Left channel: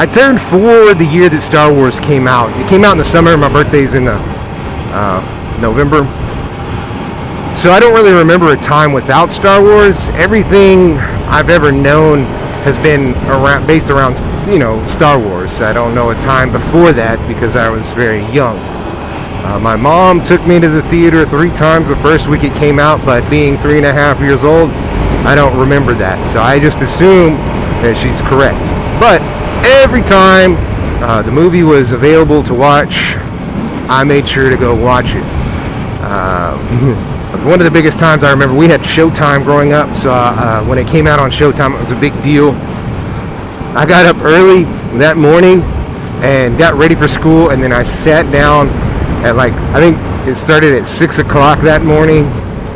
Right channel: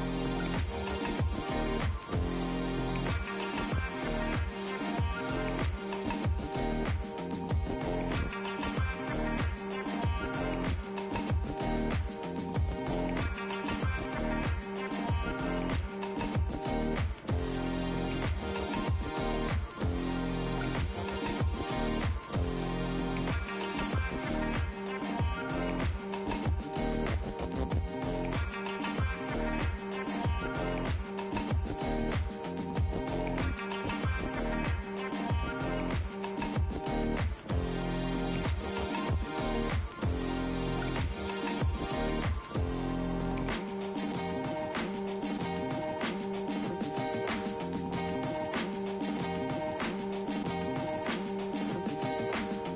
I turned 4 the year that Star Wars came out. It came out in the summer. My birthday's in November. So I don't really remember a time without Star Wars. Everything I've ever known has been based around, Star Wars. I don't know a time before that because I was very young. My mom took me to the theater 3 times the first week it came out, but being 3.5 years old, I don't remember that. So I just assume that she's correct. But every time the movie was available to watch, I made sure to go watch it. One of the biggest times I remember, we had Showtime growing up, so when it came out on Showtime, it was a big deal. I got up early that morning and got ready for school, and then I sat down at I think it started at 6 o'clock that morning,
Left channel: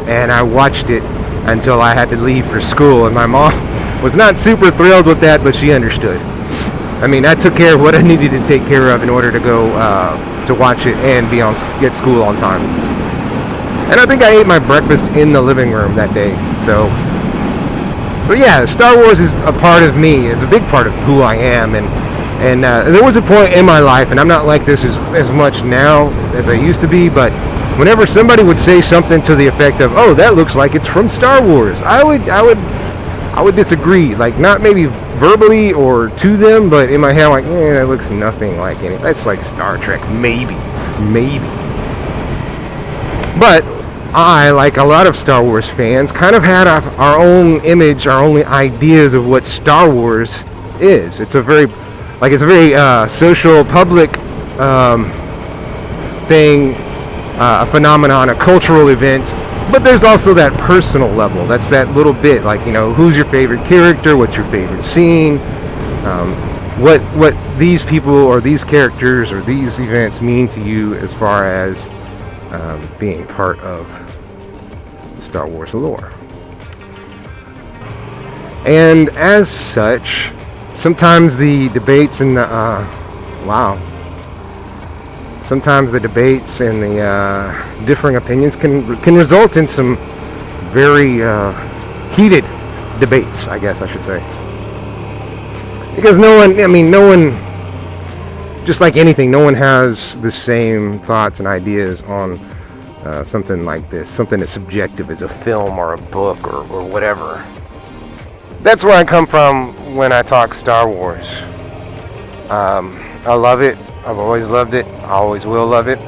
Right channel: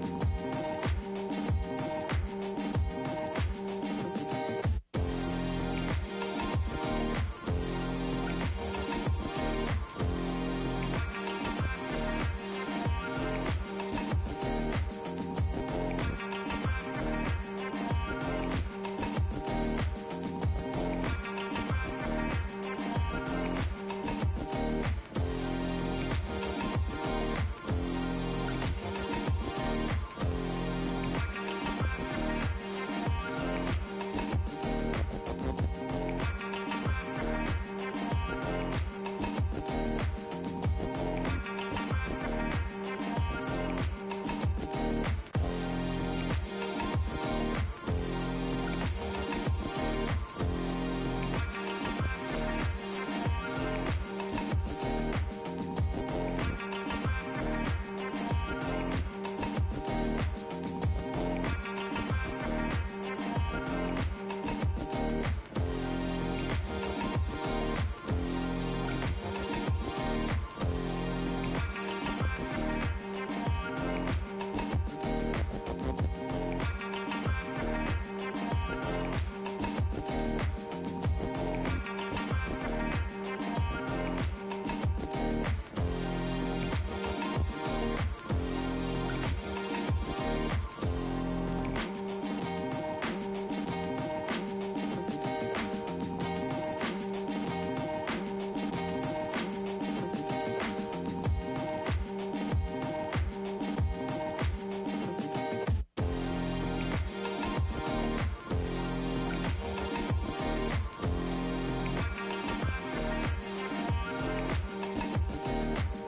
and I watched it until I had to leave for school, and my mom was not super thrilled with that, but she understood. I mean, I took care of what I needed to take care of in order to go to watch it and get school on time. And I think I ate my breakfast in the living room that day. So yeah, Star Wars is a part of me, is a big part of who I am. And there was a point in my life, and I'm not like this as much now as I used to be, but whenever somebody would say something to the effect of, "Oh, that looks like it's from Star Wars," I would disagree, not maybe verbally or to them, but in my head, that looks nothing like any. That's like Star Trek, maybe. But I, like a lot of Star Wars fans, kind of had our own image, our own ideas of what Star Wars is. It's a very, social, public thing, a phenomenon, a cultural event. But there's also that personal level. That's that little bit, who's your favorite character? What's your favorite scene? What these people or these characters or these events mean to you as far as being part of Star Wars lore. And as such, sometimes the debates and sometimes the debates and the differing opinions can result in some very heated debates, I guess I should say. Because no one, just like anything, no one has the same thoughts and ideas on something like this, something as subjective as a film or a book or whatever. That's where I come from when I talk Star Wars. I love it. I've always loved it. I always will love it.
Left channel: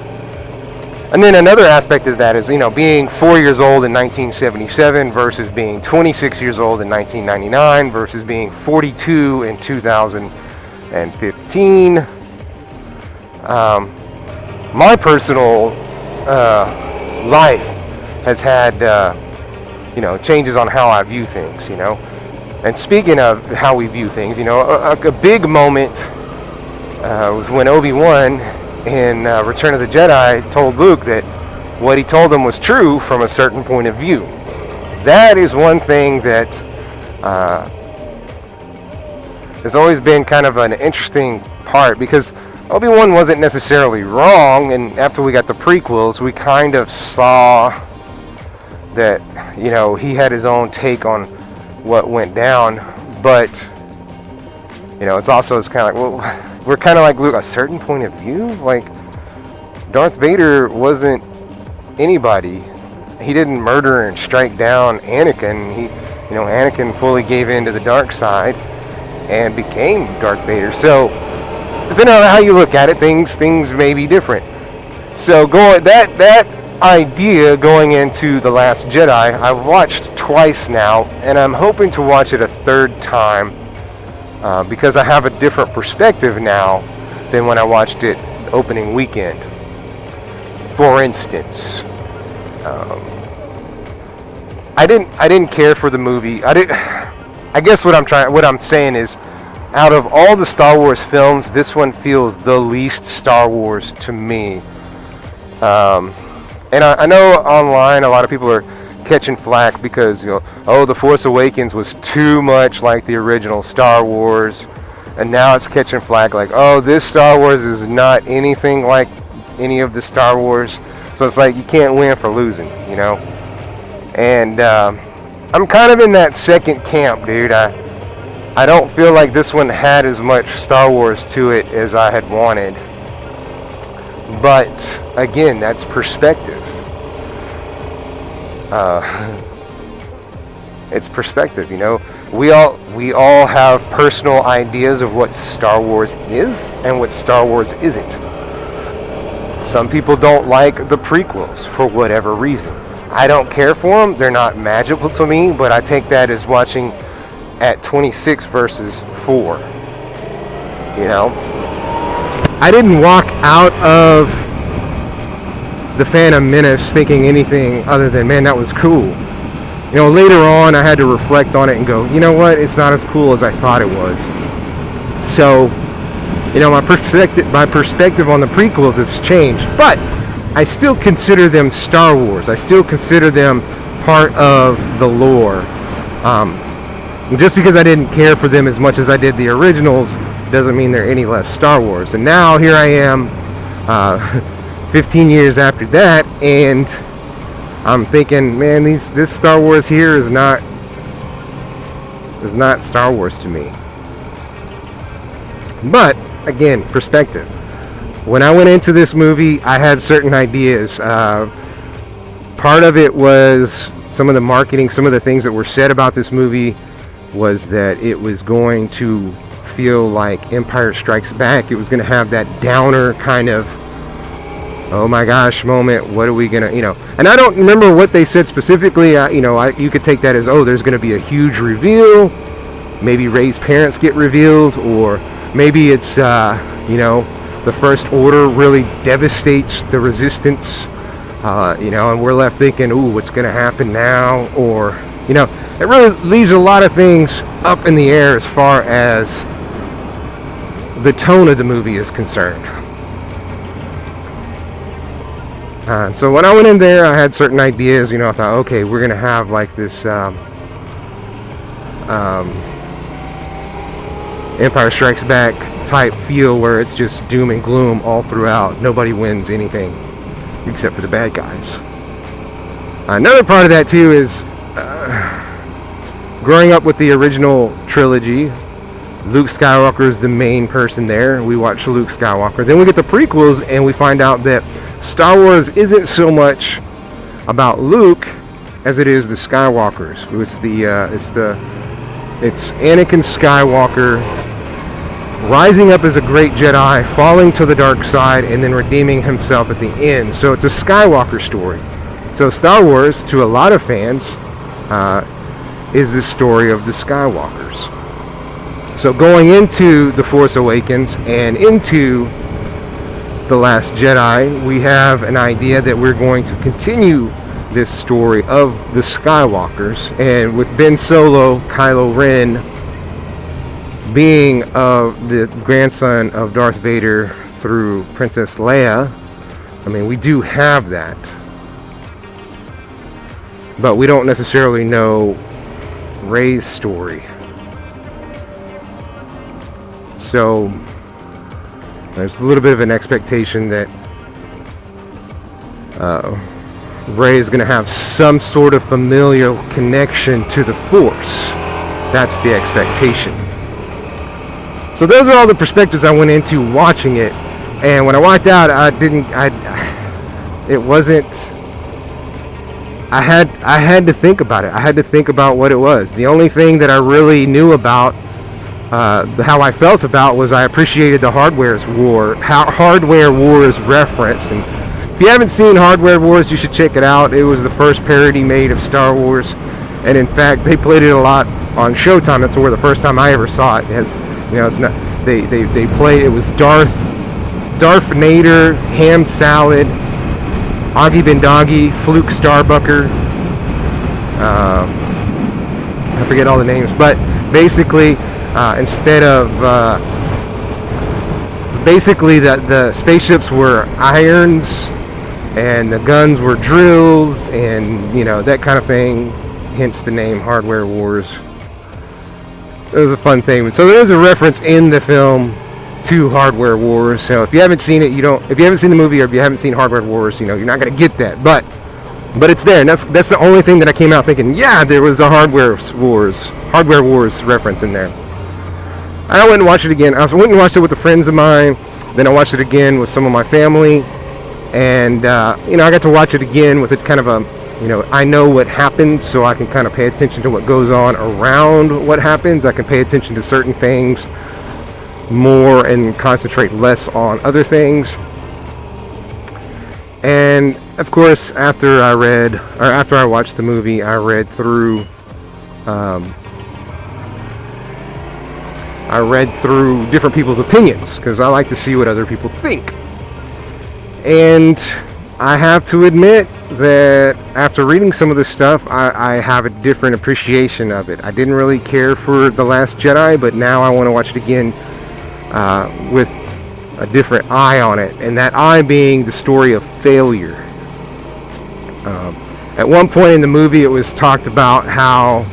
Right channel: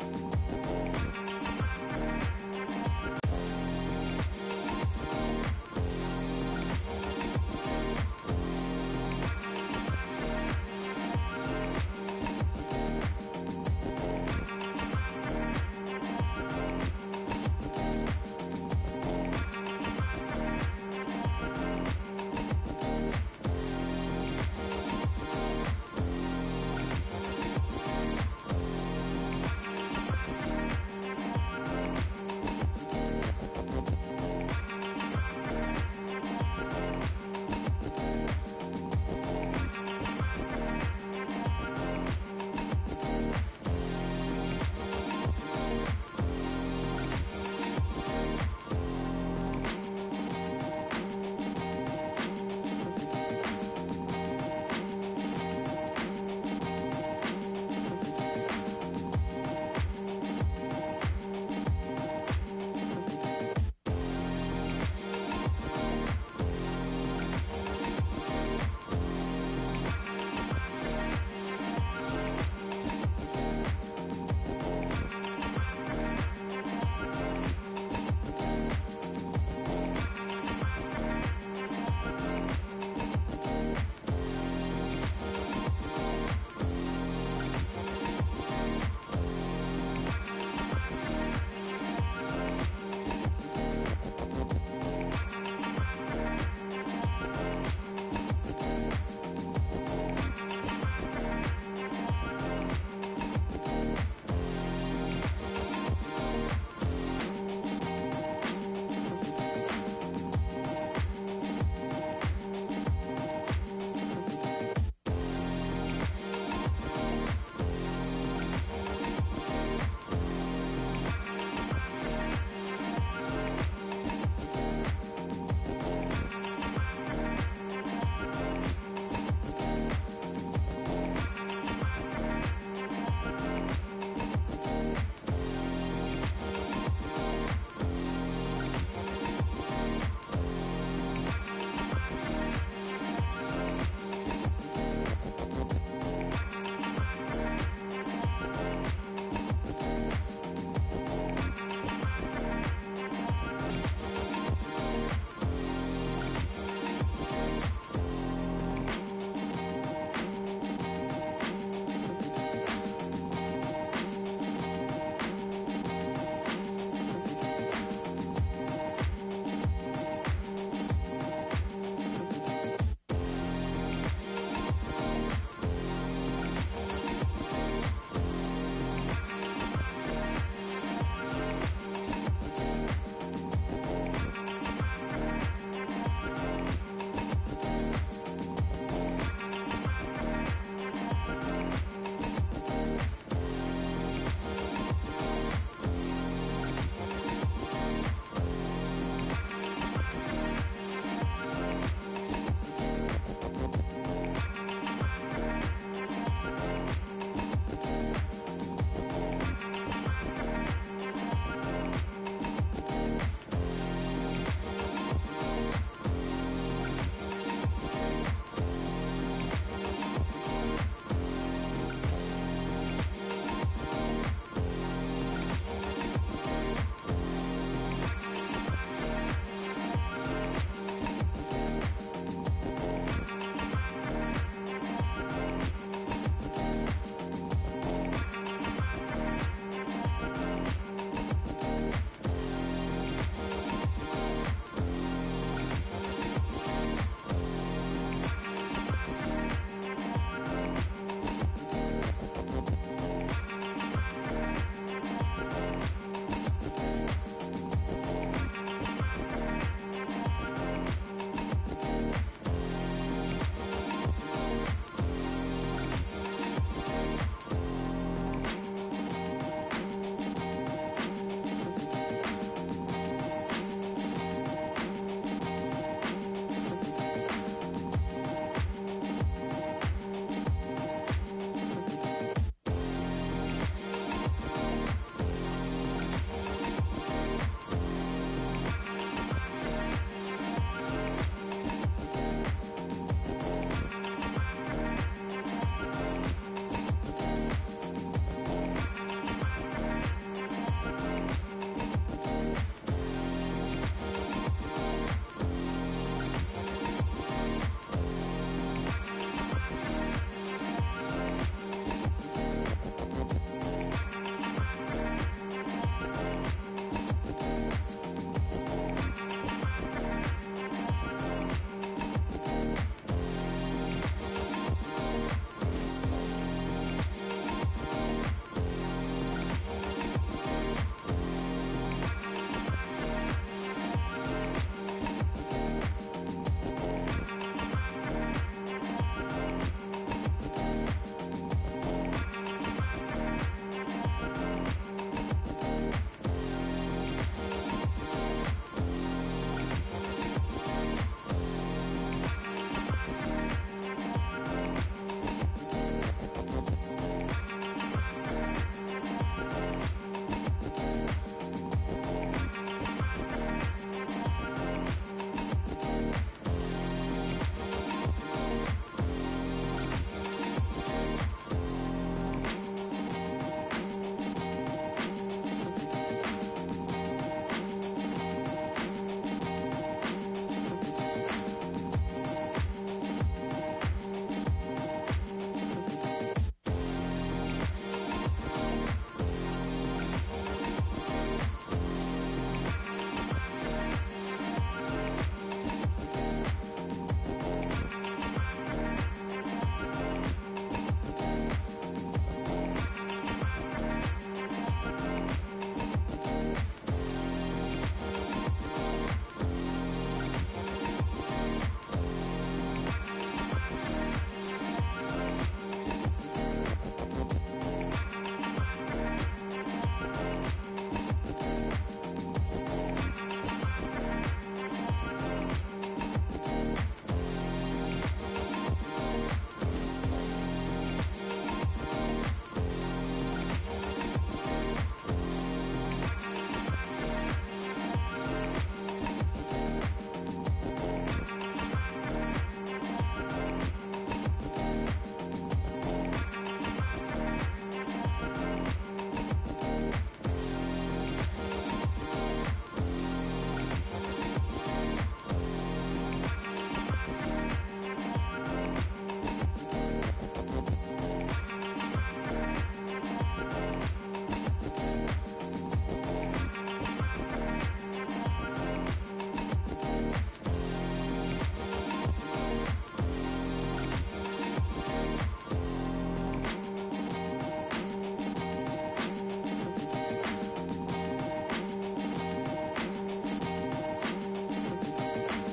And then another aspect of that is, being 4 years old in 1977 versus being 26 years old in 1999 versus being 42 in 2015. My personal life has had, changes on how I view things, And speaking of how we view things, a big moment was when Obi-Wan in Return of the Jedi told Luke that what he told him was true from a certain point of view. That is one thing that has always been kind of an interesting part, because Obi-Wan wasn't necessarily wrong, and after we got the prequels, we kind of saw that, he had his own take on what went down, but, it's also, it's kind of we're kind of like Luke, a certain point of view? Darth Vader wasn't anybody. He didn't murder and strike down Anakin. Anakin fully gave in to the dark side and became Darth Vader. So, depending on how you look at it, things may be different. So, that idea going into The Last Jedi, I've watched twice now, and I'm hoping to watch it a third time. Because I have a different perspective now than when I watched it opening weekend. For instance, I didn't care for the movie. I guess what I'm saying is, out of all the Star Wars films, this one feels the least Star Wars to me. And I know online a lot of people are catching flack because, The Force Awakens was too much like the original Star Wars, and now it's catching flack this Star Wars is not anything like any of the Star Wars, so it's you can't win for losing, And I'm kind of in that second camp, dude. I don't feel like this one had as much Star Wars to it as I had wanted. But again, that's perspective. It's perspective, you know. We all have personal ideas of what Star Wars is and what Star Wars isn't. Some people don't like the prequels for whatever reason. I don't care for them. They're not magical to me, but I take that as watching at 26 versus 4. You know? I didn't walk out of The Phantom Menace thinking anything other than, man, that was cool. You know, later on I had to reflect on it and go, you know what, it's not as cool as I thought it was. So, you know, my perspective on the prequels has changed, but I still consider them Star Wars. I still consider them part of the lore. Just because I didn't care for them as much as I did the originals doesn't mean they're any less Star Wars. And now here I am, 15 years after that, and I'm thinking, man, this Star Wars here is not Star Wars to me. But again, perspective. When I went into this movie, I had certain ideas. Part of it was some of the marketing, some of the things that were said about this movie was that it was going to feel like Empire Strikes Back. It was going to have that downer kind of, oh my gosh moment, what are we gonna, you know, and I don't remember what they said specifically. You could take that as, oh, there's gonna be a huge reveal, maybe Rey's parents get revealed, or maybe it's the First Order really devastates the Resistance, and we're left thinking, ooh, what's gonna happen now? Or, you know, it really leaves a lot of things up in the air as far as the tone of the movie is concerned. So when I went in there, I had certain ideas. You know, I thought, okay, we're gonna have like this Empire Strikes Back type feel where it's just doom and gloom all throughout. Nobody wins anything except for the bad guys. Another part of that too is growing up with the original trilogy. Luke Skywalker is the main person there. We watch Luke Skywalker. Then we get the prequels and we find out that Star Wars isn't so much about Luke as it is the Skywalkers. It's Anakin Skywalker rising up as a great Jedi, falling to the dark side, and then redeeming himself at the end. So it's a Skywalker story. So Star Wars, to a lot of fans, is the story of the Skywalkers. So going into The Force Awakens and into The Last Jedi, we have an idea that we're going to continue this story of the Skywalkers, and with Ben Solo, Kylo Ren being the grandson of Darth Vader through Princess Leia. I mean, we do have that, but we don't necessarily know Rey's story. So there's a little bit of an expectation that Rey is going to have some sort of familial connection to the Force. That's the expectation. So those are all the perspectives I went into watching it. And when I walked out, I had to think about it. I had to think about what it was. The only thing that I really knew about how I felt about was I appreciated the Hardware Wars reference. And if you haven't seen Hardware Wars, you should check it out. It was the first parody made of Star Wars, and in fact, they played it a lot on Showtime. That's where the first time I ever saw it. It's not. They played. It was Darth Nader, Ham Salad, Augie Bendoggy, Fluke Starbucker. I forget all the names, but basically, instead of the spaceships were irons and the guns were drills, and that kind of thing, hence the name Hardware Wars. It was a fun thing. So there is a reference in the film to Hardware Wars. So if you haven't seen it, if you haven't seen the movie, or if you haven't seen Hardware Wars, you're not going to get that. But But it's there, and that's the only thing that I came out thinking, yeah, there was a Hardware Wars reference in there. I went and watched it again. I went and watched it with the friends of mine. Then I watched it again with some of my family, and I got to watch it again with it kind of a, I know what happens, so I can kind of pay attention to what goes on around what happens. I can pay attention to certain things more and concentrate less on other things. And of course, after I watched the movie, I read through different people's opinions, because I like to see what other people think. And I have to admit that after reading some of this stuff, I have a different appreciation of it. I didn't really care for The Last Jedi, but now I want to watch it again with a different eye on it, and that eye being the story of failure. At one point in the movie, it was talked about how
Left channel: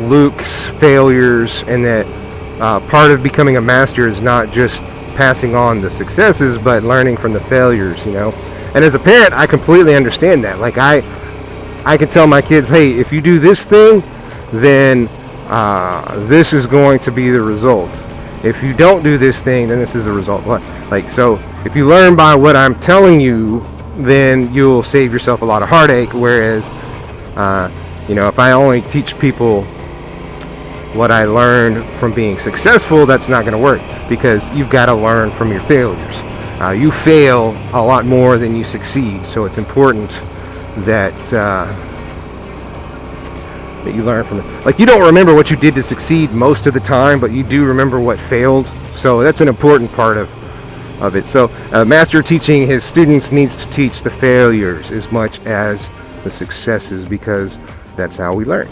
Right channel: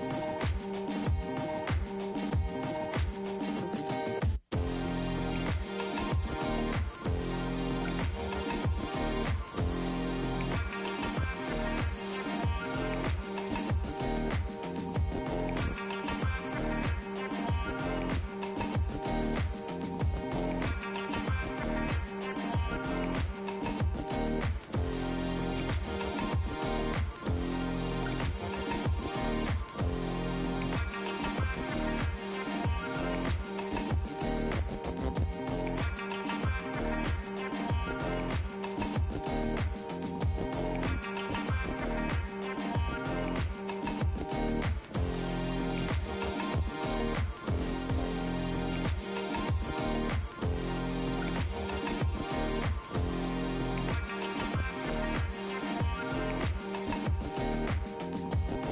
Luke's failures, and that part of becoming a master is not just passing on the successes, but learning from the failures, And as a parent, I completely understand that. Like, I can tell my kids, hey, if you do this thing, then this is going to be the result. If you don't do this thing, then this is the result. So if you learn by what I'm telling you, then you'll save yourself a lot of heartache. Whereas, if I only teach people what I learned from being successful, that's not going to work, because you've got to learn from your failures. You fail a lot more than you succeed, so it's important that you learn from it. Like, you don't remember what you did to succeed most of the time, but you do remember what failed. So that's an important part of it. So a master teaching his students needs to teach the failures as much as the successes, because that's how we learn.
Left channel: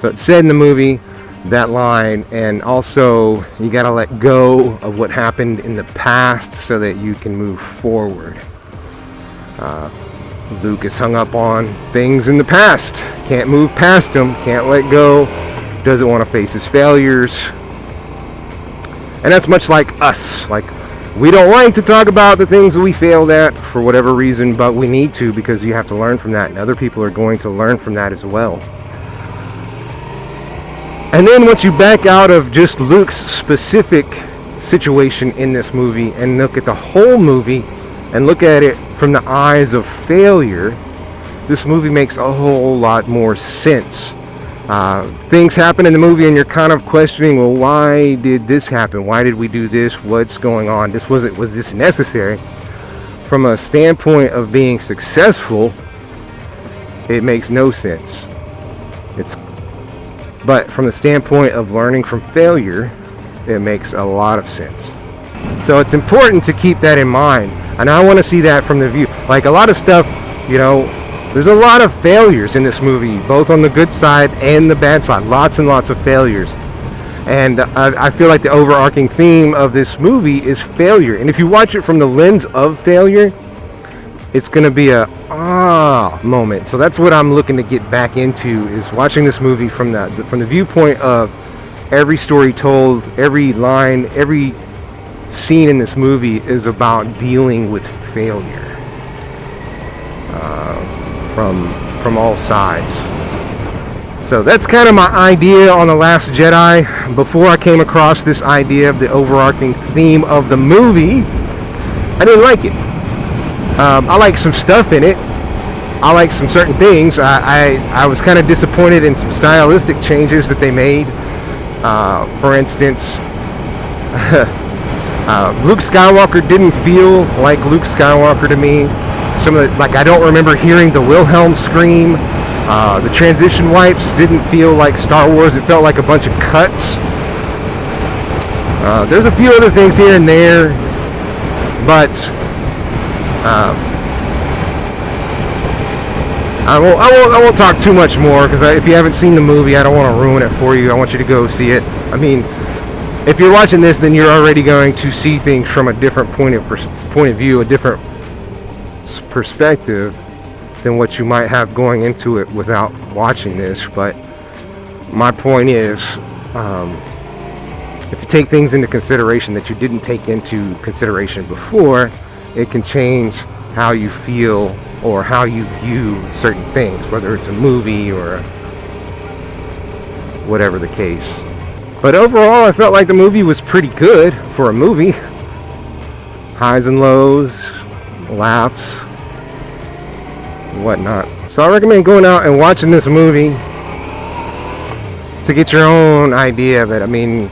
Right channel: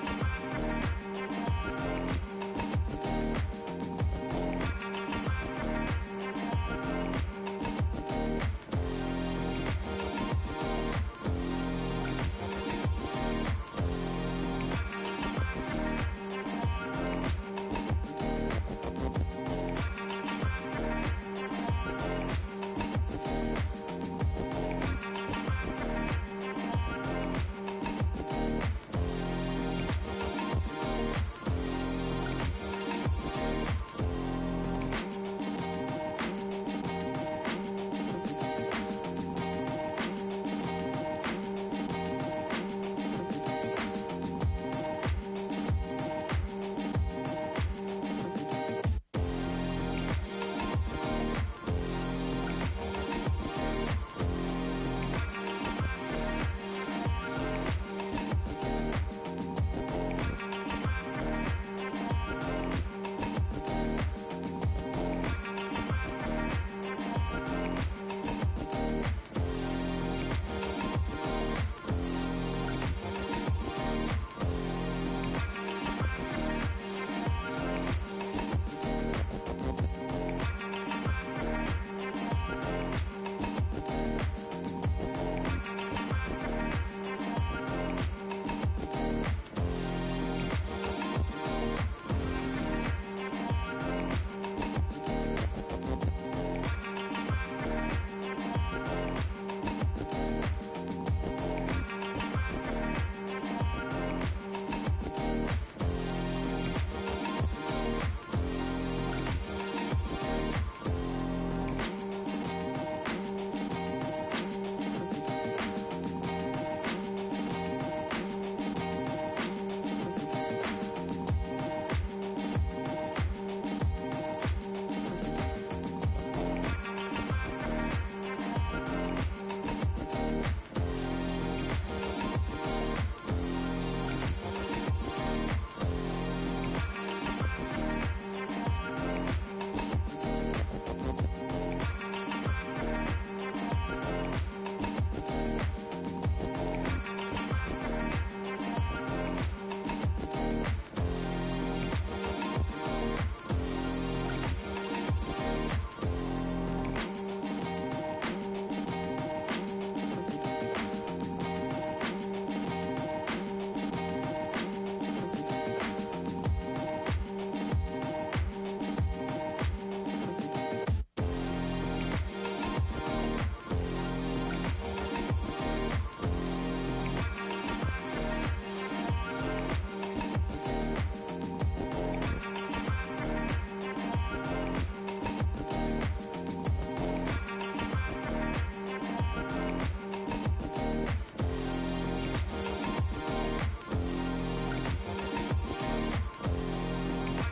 So it's said in the movie, that line. And also, you got to let go of what happened in the past so that you can move forward. Luke is hung up on things in the past, can't move past them, can't let go, doesn't want to face his failures. And that's much like us. Like, we don't like to talk about the things that we failed at for whatever reason, but we need to, because you have to learn from that, and other people are going to learn from that as well. And then once you back out of just Luke's specific situation in this movie and look at the whole movie and look at it from the eyes of failure, this movie makes a whole lot more sense. Things happen in the movie and you're kind of questioning, well, why did this happen? Why did we do this? What's going on? Was this necessary? From a standpoint of being successful, it makes no sense. But from the standpoint of learning from failure, it makes a lot of sense. So it's important to keep that in mind. And I want to see that from the view. Like, a lot of stuff, there's a lot of failures in this movie, both on the good side and the bad side. Lots and lots of failures. And I feel like the overarching theme of this movie is failure. And if you watch it from the lens of failure, it's going to be a moment. So that's what I'm looking to get back into, is watching this movie from the viewpoint of every story told, every line, every scene in this movie is about dealing with failure from all sides. So that's kind of my idea on The Last Jedi. Before I came across this idea of the overarching theme of the movie, I didn't like it. I like some stuff in it. I like some certain things. I was kind of disappointed in some stylistic changes that they made. For instance, Luke Skywalker didn't feel like Luke Skywalker to me. I don't remember hearing the Wilhelm scream. The transition wipes didn't feel like Star Wars. It felt like a bunch of cuts. There's a few other things here and there, but I won't talk too much more, because if you haven't seen the movie, I don't want to ruin it for you. I want you to go see it. I mean, if you're watching this, then you're already going to see things from a different point of view, a different perspective than what you might have going into it without watching this. But my point is, if you take things into consideration that you didn't take into consideration before, it can change how you feel or how you view certain things, whether it's a movie or whatever the case. But overall, I felt like the movie was pretty good for a movie. Highs and lows, laughs, whatnot. So I recommend going out and watching this movie to get your own idea of it. I mean,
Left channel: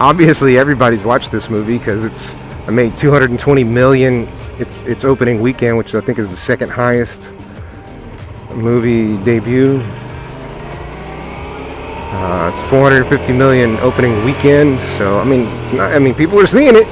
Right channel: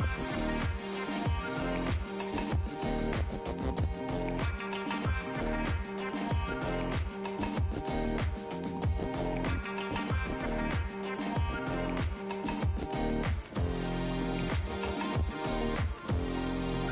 obviously everybody's watched this movie because it made 220 million its opening weekend, which I think is the second highest movie debut. It's 450 million opening weekend, so I mean, it's not. I mean, people are seeing it.